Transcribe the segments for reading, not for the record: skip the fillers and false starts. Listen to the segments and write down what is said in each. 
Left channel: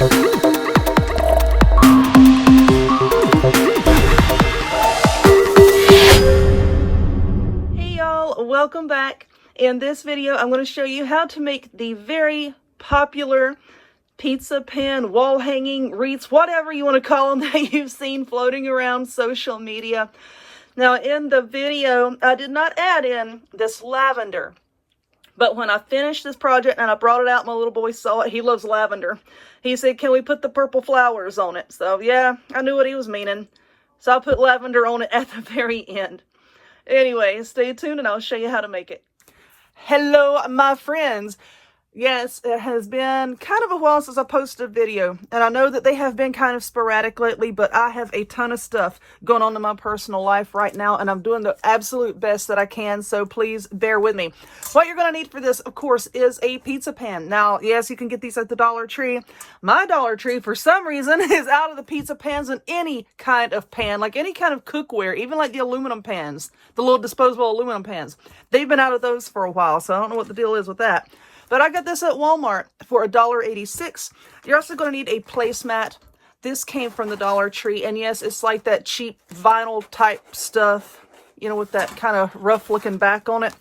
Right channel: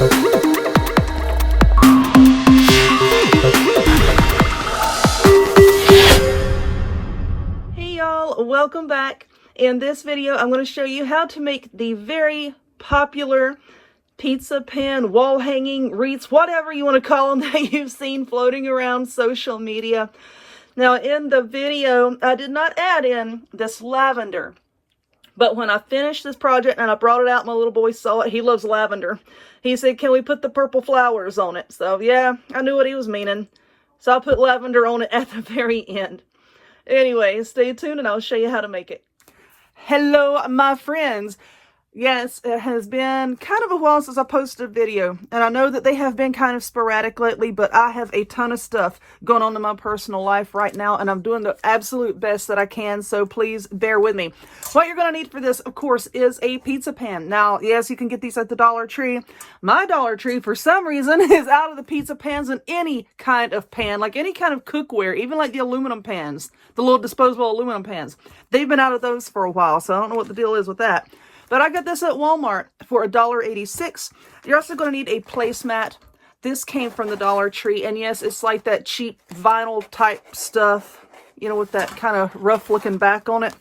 Welcome back. In this video, I'm going to show you how to make the very popular pizza pan, wall hanging, wreaths, whatever you want to call them that you've seen floating around social media. Now, in the video, I did not add in this lavender, but when I finished this project and I brought it out, my little boy saw it. He loves lavender. He said, "Can we put the purple flowers on it?" So yeah, I knew what he was meaning. So I put lavender on it at the very end. Anyway, stay tuned and I'll show you how to make it. Hello, my friends. Yes, it has been kind of a while since I posted a video, and I know that they have been kind of sporadic lately, but I have a ton of stuff going on in my personal life right now, and I'm doing the absolute best that I can, so please bear with me. What you're going to need for this, of course, is a pizza pan. Now, yes, you can get these at the Dollar Tree. My Dollar Tree, for some reason, is out of the pizza pans in any kind of pan, like any kind of cookware, even like the aluminum pans, the little disposable aluminum pans. They've been out of those for a while, so I don't know what the deal is with that. But I got this at Walmart for $1.86. You're also going to need a placemat. This came from the Dollar Tree, and yes, it's like that cheap vinyl type stuff, you know, with that kind of rough looking back on it.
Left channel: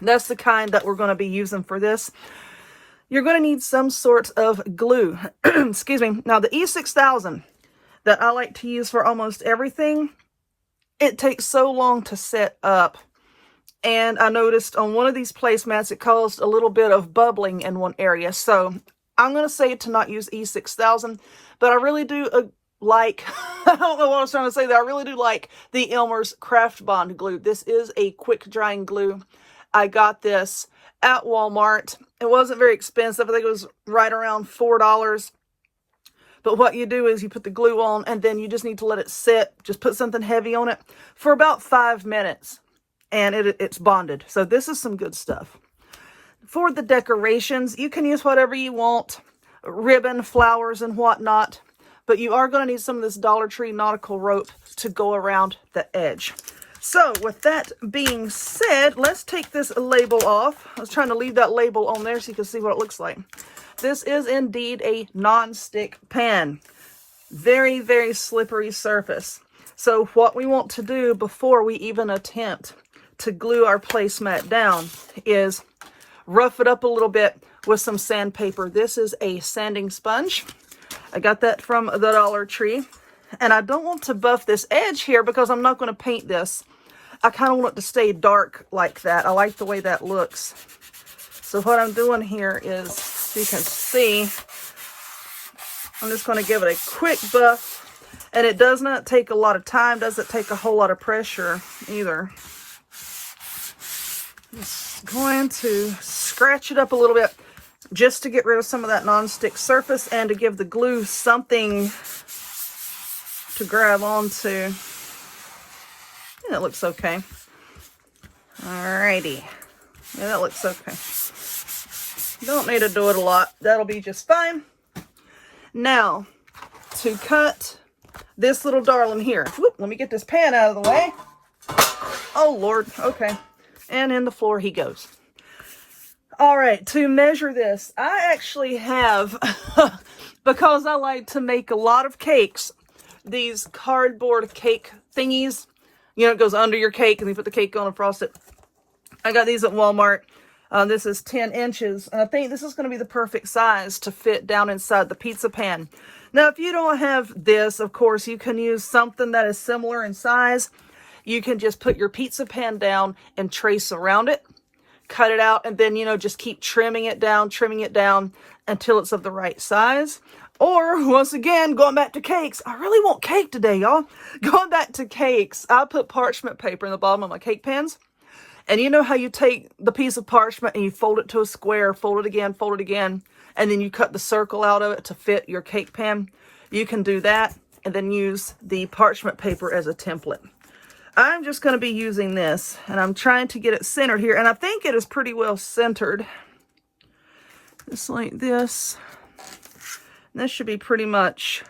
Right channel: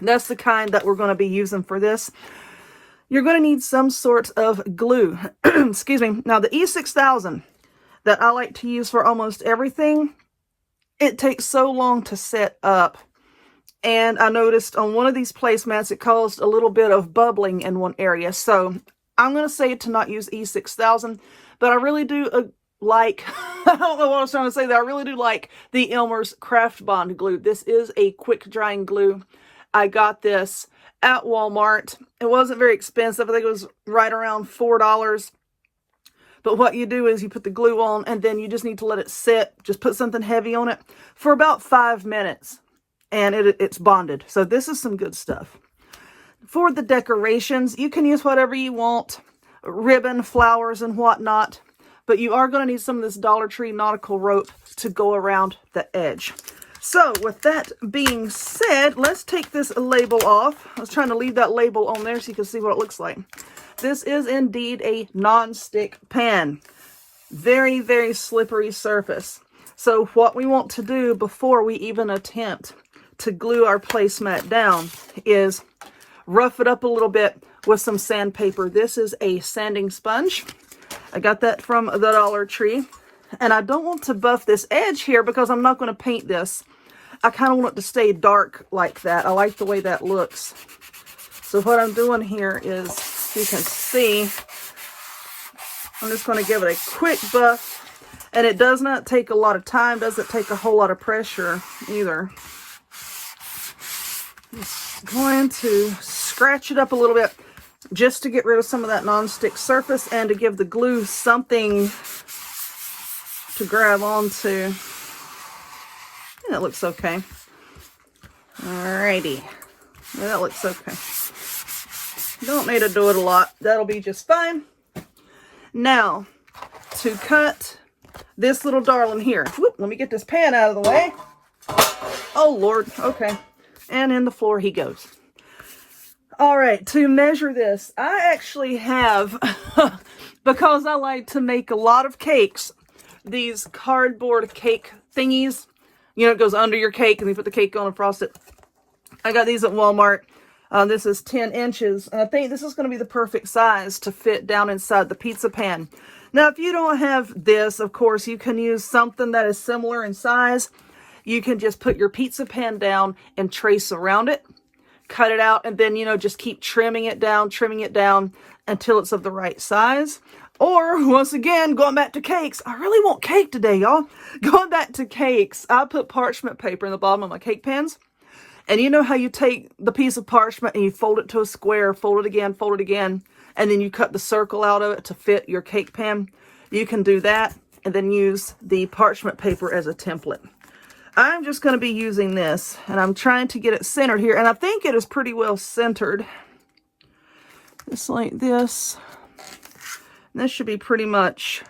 That's the kind that we're going to be using for this. You're going to need some sort of glue. Excuse me. Now, the E6000 that I like to use for almost everything, it takes so long to set up. And I noticed on one of these placemats, it caused a little bit of bubbling in one area. So I'm going to say to not use E6000, but I really do like, I don't know what I was trying to say there. I really do like the Elmer's Craft Bond glue. This is a quick drying glue. I got this at Walmart. It wasn't very expensive. I think it was right around $4. But what you do is you put the glue on and then you just need to let it sit. Just put something heavy on it for about 5 minutes. And it's bonded. So this is some good stuff. For the decorations, you can use whatever you want. Ribbon, flowers, and whatnot. But you are going to need some of this Dollar Tree nautical rope to go around the edge. So with that being said, let's take this label off. I was trying to leave that label on there so you can see what it looks like. This is indeed a non-stick pan. Very, very slippery surface. So what we want to do before we even attempt to glue our placemat down is rough it up a little bit with some sandpaper. This is a sanding sponge. I got that from the Dollar Tree. And I don't want to buff this edge here because I'm not going to paint this. I kind of want it to stay dark like that. I like the way that looks. So what I'm doing here is, you can see, I'm just going to give it a quick buff. And it does not take a lot of time, doesn't take a whole lot of pressure either. Just going to scratch it up a little bit just to get rid of some of that non-stick surface and to give the glue something to grab onto. Yeah, that looks okay. Alrighty. Yeah, that looks okay. Don't need to do it a lot. That'll be just fine. Now, to cut this little darling here. Whoop, let me get this pan out of the way. Oh, Lord. Okay. And in the floor he goes. All right, to measure this, I actually have, because I like to make a lot of cakes, these cardboard cake thingies. You know, it goes under your cake and you put the cake on and frost it. I got these at Walmart. This is 10 inches. And I think this is going to be the perfect size to fit down inside the pizza pan. Now, if you don't have this, of course, you can use something that is similar in size. You can just put your pizza pan down and trace around it, cut it out, and then, you know, just keep trimming it down until it's of the right size. Or, once again, going back to cakes. I really want cake today, y'all. Going back to cakes, I put parchment paper in the bottom of my cake pans. And you know how you take the piece of parchment and you fold it to a square, fold it again, and then you cut the circle out of it to fit your cake pan? You can do that and then use the parchment paper as a template. I'm just going to be using this, and I'm trying to get it centered here, and I think it is pretty well centered. Just like this. And this should be pretty much,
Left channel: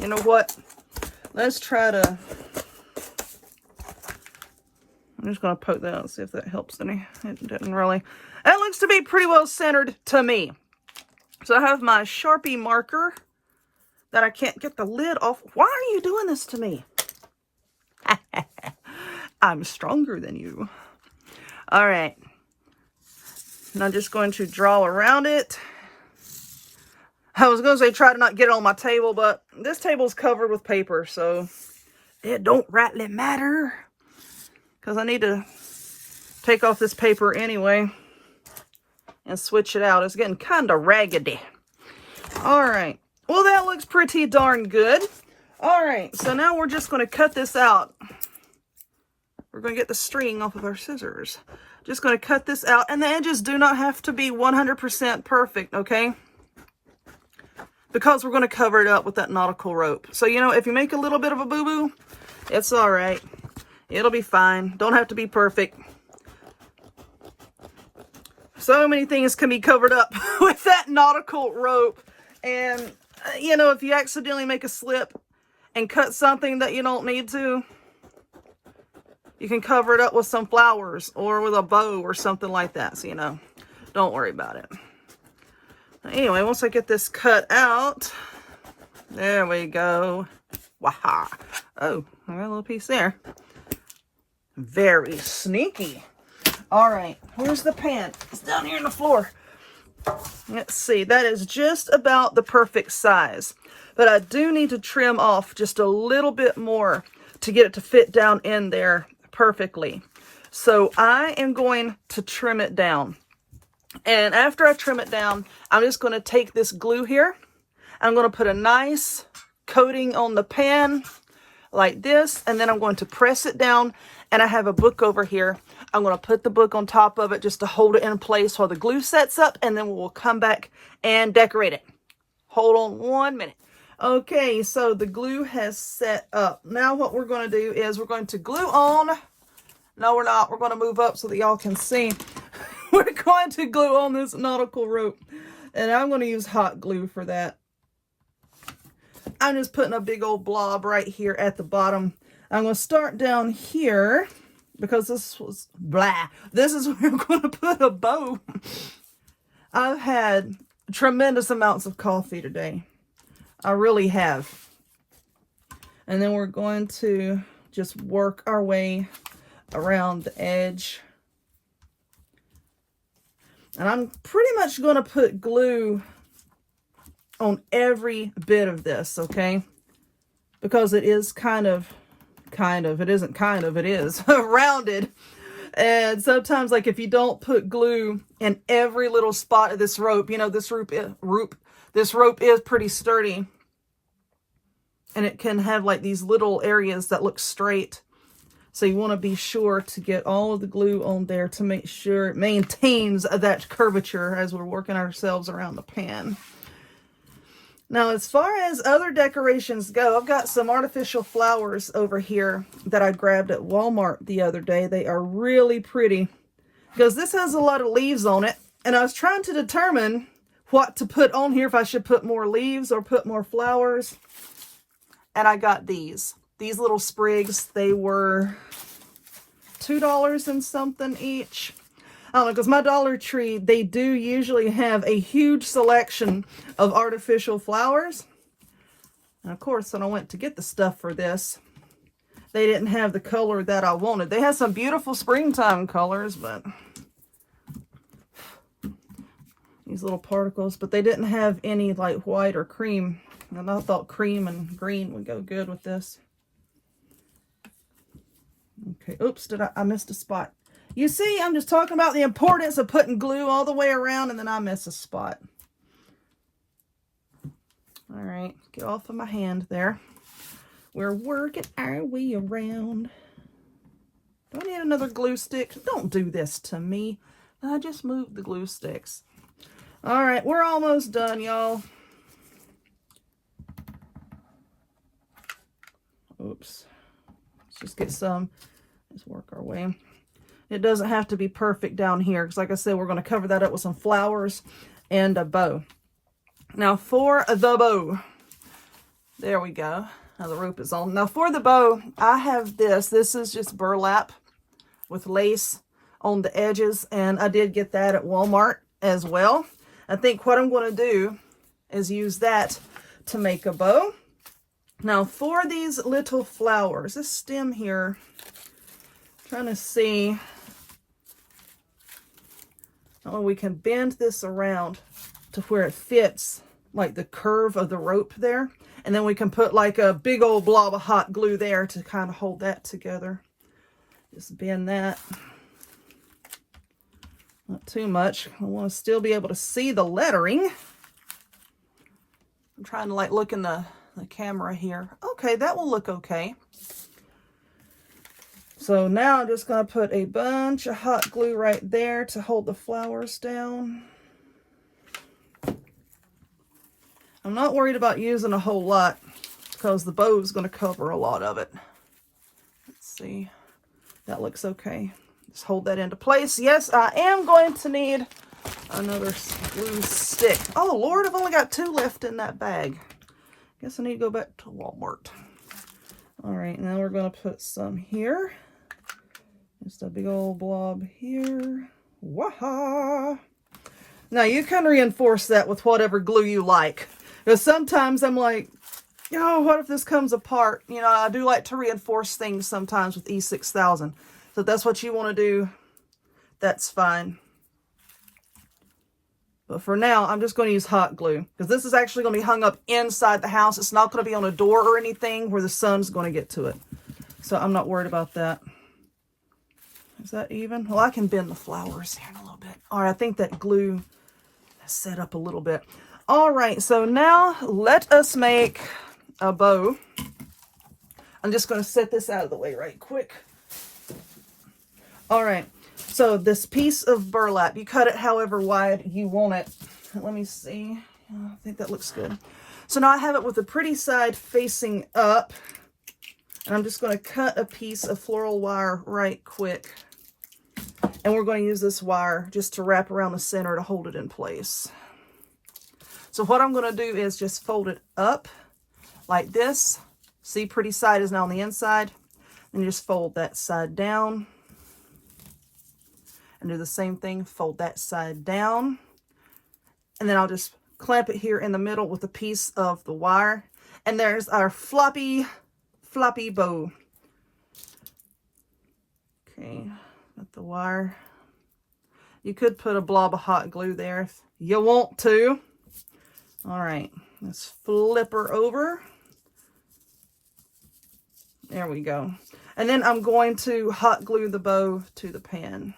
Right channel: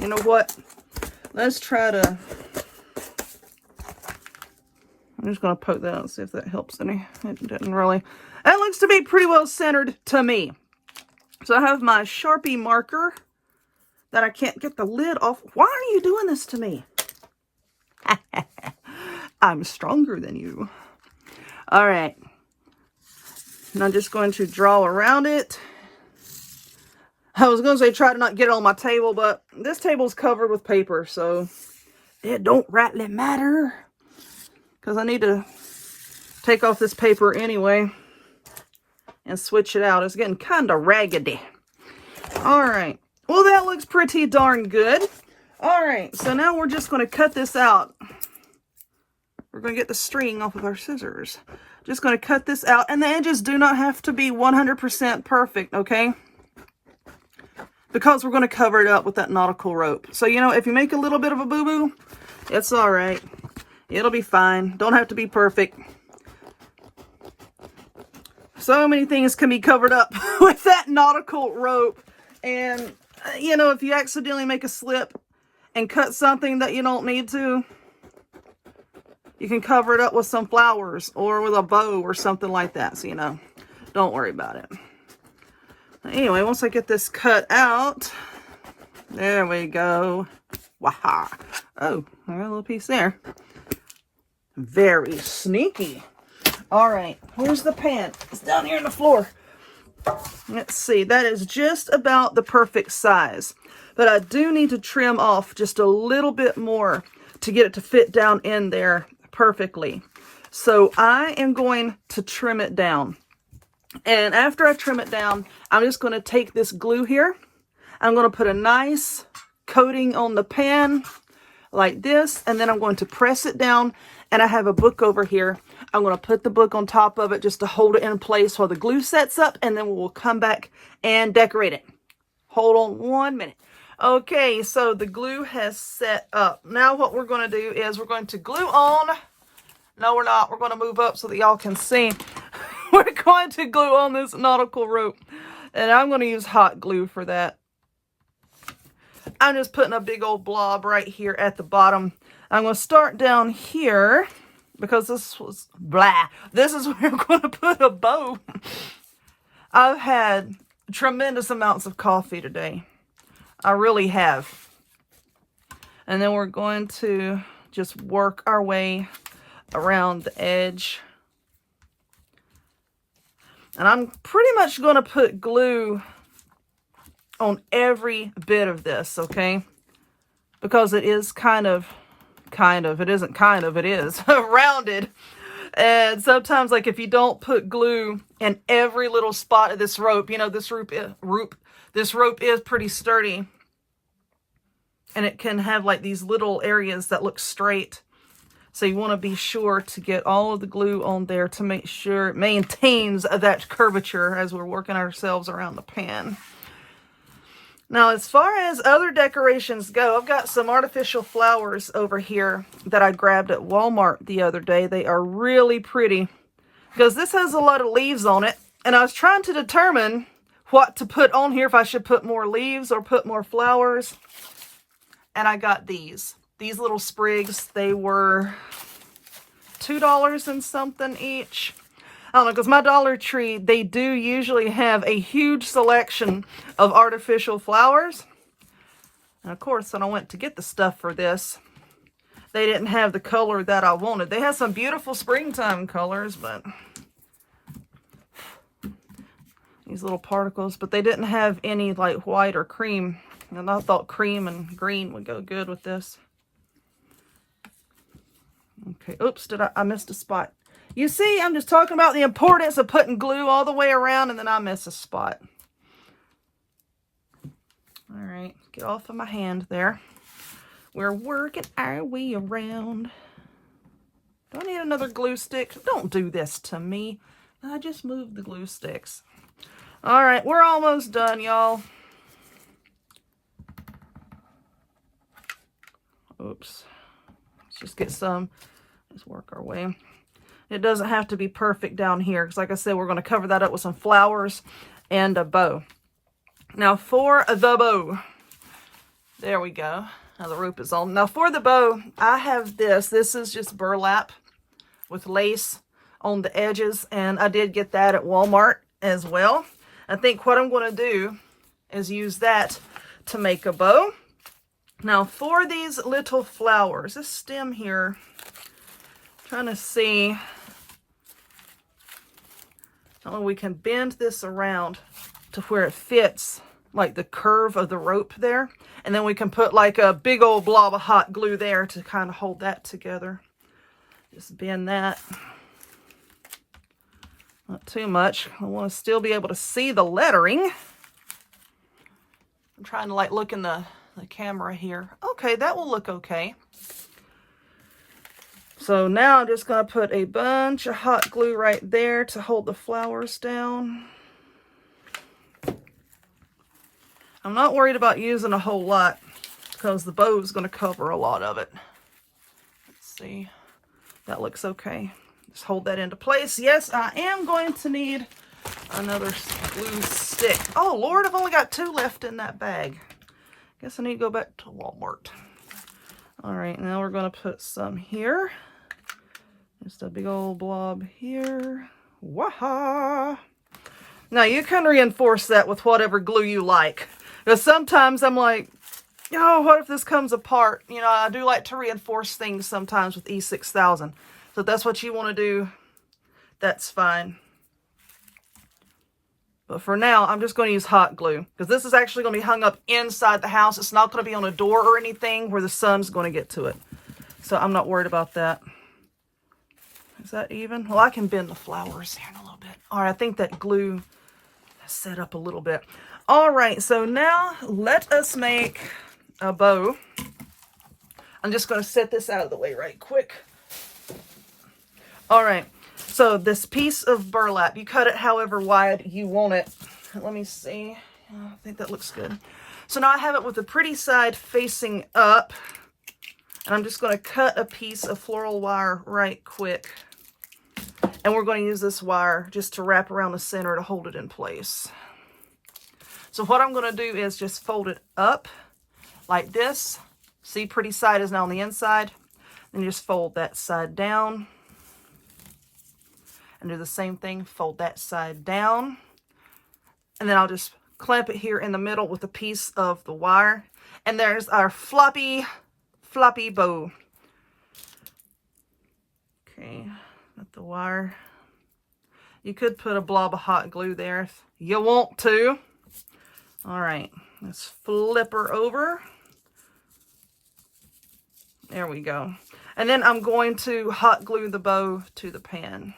you know what, let's try to, I'm just going to poke that out and see if that helps any. It didn't really. That looks to be pretty well centered to me. So I have my Sharpie marker that I can't get the lid off. Why are you doing this to me? I'm stronger than you. All right. And I'm just going to draw around it. I was going to say try to not get it on my table, but this table's covered with paper, so it don't rightly matter. Because I need to take off this paper anyway and switch it out. It's getting kind of raggedy. All right. Well, that looks pretty darn good. All right. So now we're just going to cut this out. We're going to get the string off of our scissors. Just going to cut this out. And the edges do not have to be 100% perfect, okay? Because we're going to cover it up with that nautical rope. So, you know, if you make a little bit of a boo-boo, it's all right. It'll be fine. Don't have to be perfect. So many things can be covered up with that nautical rope. And, you know, if you accidentally make a slip and cut something that you don't need to, you can cover it up with some flowers or with a bow or something like that. So, you know, don't worry about it. Anyway, once I get this cut out, there we go. Waha. Oh, I got a little piece there. Very sneaky. All right, where's the pan? It's down here on the floor. Let's see, that is just about the perfect size. But I do need to trim off just a little bit more to get it to fit down in there perfectly. So I am going to trim it down. And after I trim it down, I'm just going to take this glue here. I'm going to put a nice coating on the pan like this, and then I'm going to press it down. And I have a book over here. I'm going to put the book on top of it just to hold it in place while the glue sets up, and then we'll come back and decorate it. Hold on 1 minute. Okay, so the glue has set up. Now what we're going to do is we're going to glue on. No, we're not. We're going to move up so that y'all can see. We're going to glue on this nautical rope, and I'm going to use hot glue for that. I'm just putting a big old blob right here at the bottom. I'm going to start down here because this was blah. This is where I'm going to put a bow. I've had tremendous amounts of coffee today. I really have. And then we're going to just work our way around the edge. And I'm pretty much going to put glue on every bit of this, okay? Because it is it is rounded. And sometimes, like, if you don't put glue in every little spot of this rope, you know, this rope is pretty sturdy. And it can have, like, these little areas that look straight. So you want to be sure to get all of the glue on there to make sure it maintains that curvature as we're working ourselves around the pan. Now, as far as other decorations go, I've got some artificial flowers over here that I grabbed at Walmart the other day. They are really pretty because this has a lot of leaves on it. And I was trying to determine what to put on here, if I should put more leaves or put more flowers. And I got these little sprigs. They were $2 and something each. I don't know, because my Dollar Tree, they do usually have a huge selection of artificial flowers. And of course, when I went to get the stuff for this, they didn't have the color that I wanted. They had some beautiful springtime colors, but these little particles, but they didn't have any like white or cream. And I thought cream and green would go good with this. Okay, oops, I missed a spot. You see, I'm just talking about the importance of putting glue all the way around, and then I miss a spot. All right, get off of my hand there. We're working our way around. Do I need another glue stick? Don't do this to me. I just moved the glue sticks. All right, we're almost done, y'all. Oops. Let's just get some. Let's work our way. It doesn't have to be perfect down here because, like I said, we're going to cover that up with some flowers and a bow. Now, for the bow, there we go. Now the rope is on. Now, for the bow, I have this. This is just burlap with lace on the edges, and I did get that at Walmart as well. I think what I'm going to do is use that to make a bow. Now for these little flowers, this stem here, trying to see, oh, we can bend this around to where it fits like the curve of the rope there. And then we can put like a big old blob of hot glue there to kind of hold that together. Just bend that. Not too much. I want to still be able to see the lettering. I'm trying to like look in the camera here. Okay, that will look okay. So now I'm just going to put a bunch of hot glue right there to hold the flowers down. I'm not worried about using a whole lot because the bow is going to cover a lot of it. Let's see. That looks okay. Just hold that into place. Yes, I am going to need another glue stick. Oh, Lord, I've only got 2 left in that bag. Guess I need to go back to Walmart. All right, now we're going to put some here. Just a big old blob here. Waha! Now, you can reinforce that with whatever glue you like. Because sometimes I'm like, oh, what if this comes apart? You know, I do like to reinforce things sometimes with E6000. So if that's what you want to do, that's fine. But for now, I'm just going to use hot glue. Because this is actually going to be hung up inside the house. It's not going to be on a door or anything where the sun's going to get to it. So I'm not worried about that. Is that even? Well, I can bend the flowers here in a little bit. All right, I think that glue has set up a little bit. All right, so now let us make a bow. I'm just going to set this out of the way right quick. All right, so this piece of burlap, you cut it however wide you want it. Let me see. I think that looks good. So now I have it with the pretty side facing up. And I'm just going to cut a piece of floral wire right quick. And we're going to use this wire just to wrap around the center to hold it in place. So what I'm going to do is just fold it up like this. See, pretty side is now on the inside. Then just fold that side down. And do the same thing, fold that side down. And then I'll just clamp it here in the middle with a piece of the wire. And there's our floppy bow. Okay, got the wire. You could put a blob of hot glue there if you want to. All right, let's flip her over. There we go. And then I'm going to hot glue the bow to the pan.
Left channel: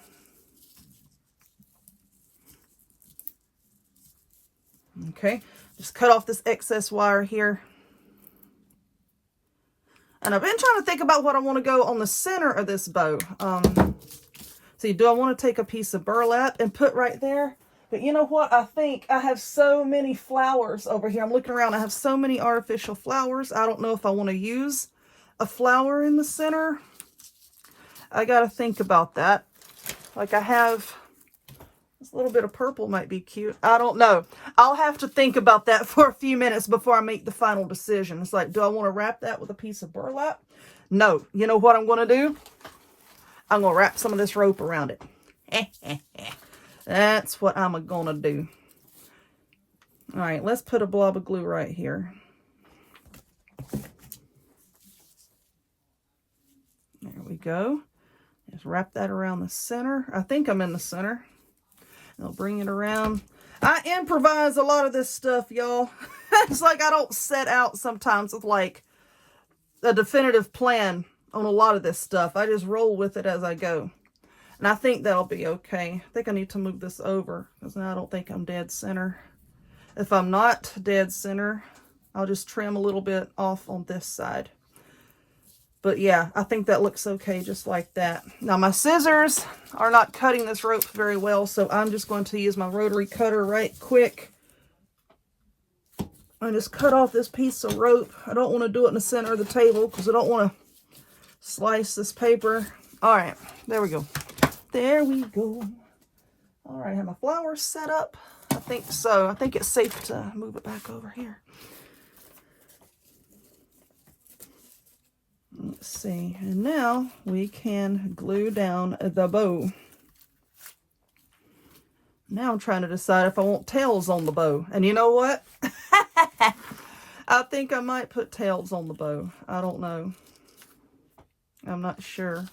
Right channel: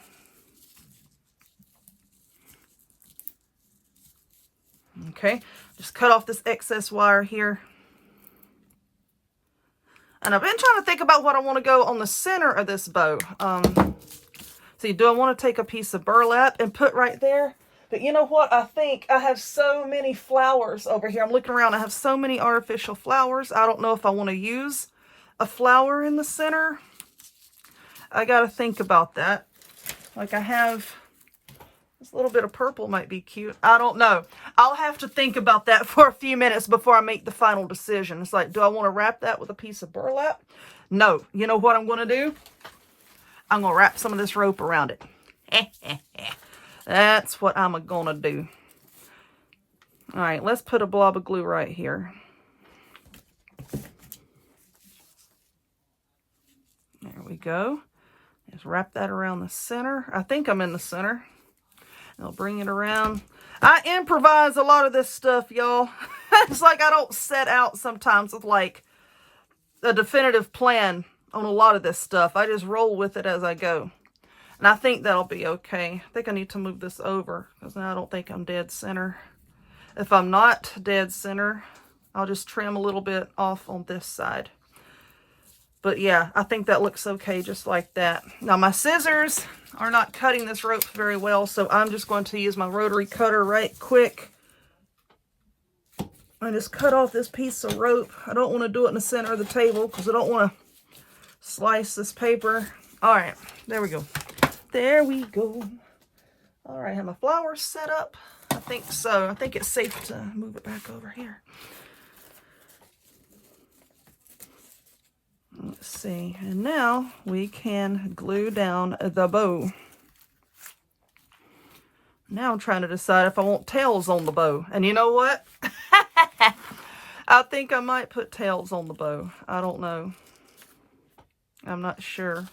Okay, just cut off this excess wire here. And I've been trying to think about what I want to go on the center of this bow. See, do I want to take a piece of burlap and put right there? But you know what? I think I have so many flowers over here. I'm looking around. I have so many artificial flowers. I don't know if I want to use a flower in the center. I got to think about that. Like I have this little bit of purple might be cute. I don't know. I'll have to think about that for a few minutes before I make the final decision. It's like, do I want to wrap that with a piece of burlap? No. You know what I'm going to do? I'm going to wrap some of this rope around it. That's what I'm going to do. All right, let's put a blob of glue right here. There we go. Just wrap that around the center. I think I'm in the center. I'll bring it around. I improvise a lot of this stuff, y'all. It's like I don't set out sometimes with like a definitive plan on a lot of this stuff. I just roll with it as I go. And I think that'll be okay. I think I need to move this over because now I don't think I'm dead center. If I'm not dead center, I'll just trim a little bit off on this side. But yeah, I think that looks okay just like that. Now my scissors are not cutting this rope very well, so I'm just going to use my rotary cutter right quick. I just cut off this piece of rope. I don't want to do it in the center of the table because I don't want to slice this paper. All right, there we go. There we go. All right, have my flowers set up? I think so. I think it's safe to move it back over here. Let's see. And now we can glue down the bow. Now I'm trying to decide if I want tails on the bow. And you know what? I think I might put tails on the bow. I don't know. I'm not sure.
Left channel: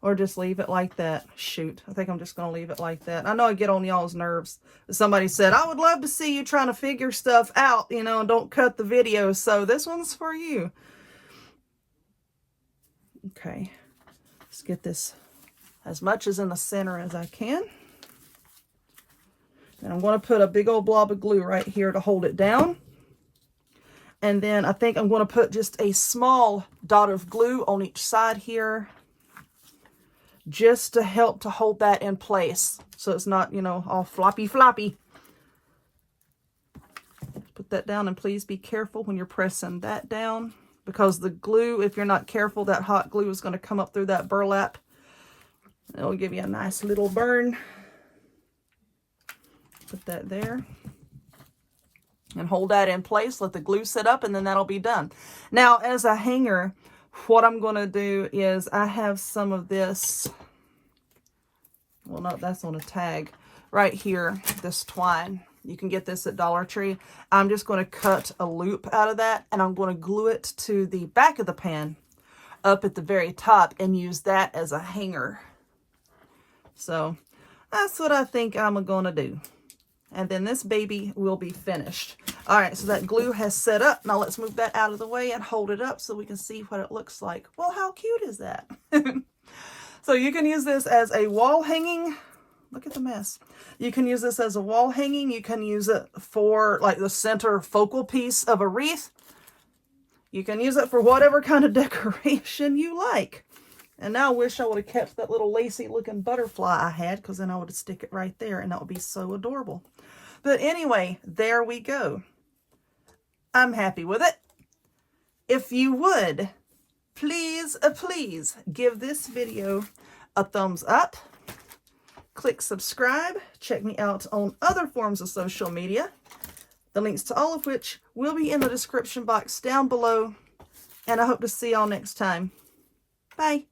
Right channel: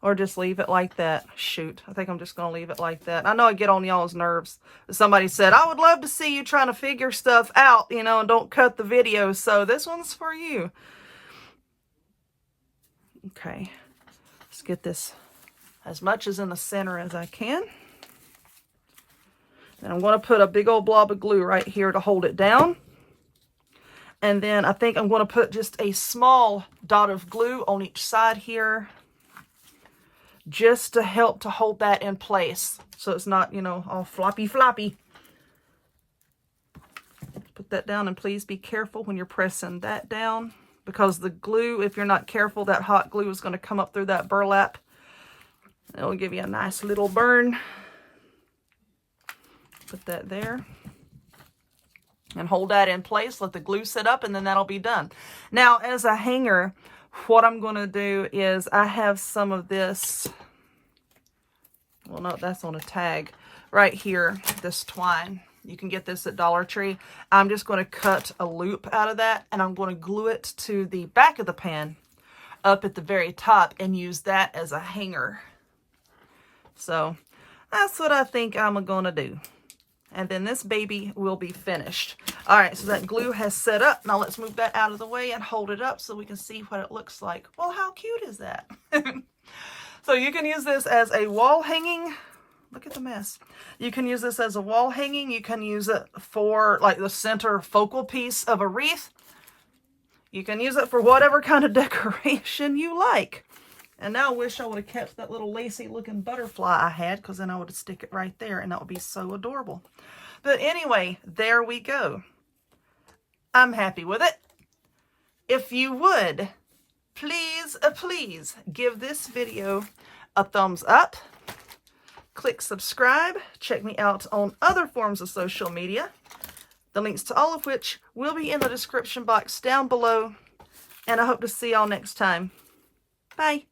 Or just leave it like that. Shoot, I think I'm just going to leave it like that. I know I get on y'all's nerves. Somebody said, I would love to see you trying to figure stuff out, you know, and don't cut the video. So this one's for you. Okay. Let's get this as much as in the center as I can. And I'm going to put a big old blob of glue right here to hold it down. And then I think I'm going to put just a small dot of glue on each side here, just to help to hold that in place so it's not, you know, all floppy. Put that down, and please be careful when you're pressing that down, because the glue, if you're not careful, that hot glue is going to come up through that burlap. It'll give you a nice little burn. Put that there. And hold that in place, let the glue sit up, and then that'll be done. Now, as a hanger, what I'm going to do is I have some of this, well, no, that's on a tag, right here, this twine. You can get this at Dollar Tree. I'm just going to cut a loop out of that, and I'm going to glue it to the back of the pan up at the very top and use that as a hanger. So that's what I think I'm going to do. And then this baby will be finished. All right, so that glue has set up. Now let's move that out of the way and hold it up so we can see what it looks like. Well, how cute is that? So you can use this as a wall hanging. Look at the mess. You can use this as a wall hanging. You can use it for like the center focal piece of a wreath. You can use it for whatever kind of decoration you like. And now I wish I would have kept that little lacy looking butterfly I had, because then I would stick it right there and that would be so adorable. But anyway, there we go. I'm happy with it. If you would, please give this video a thumbs up. Click subscribe. Check me out on other forms of social media, the links to all of which will be in the description box down below. And I hope to see y'all next time. Bye.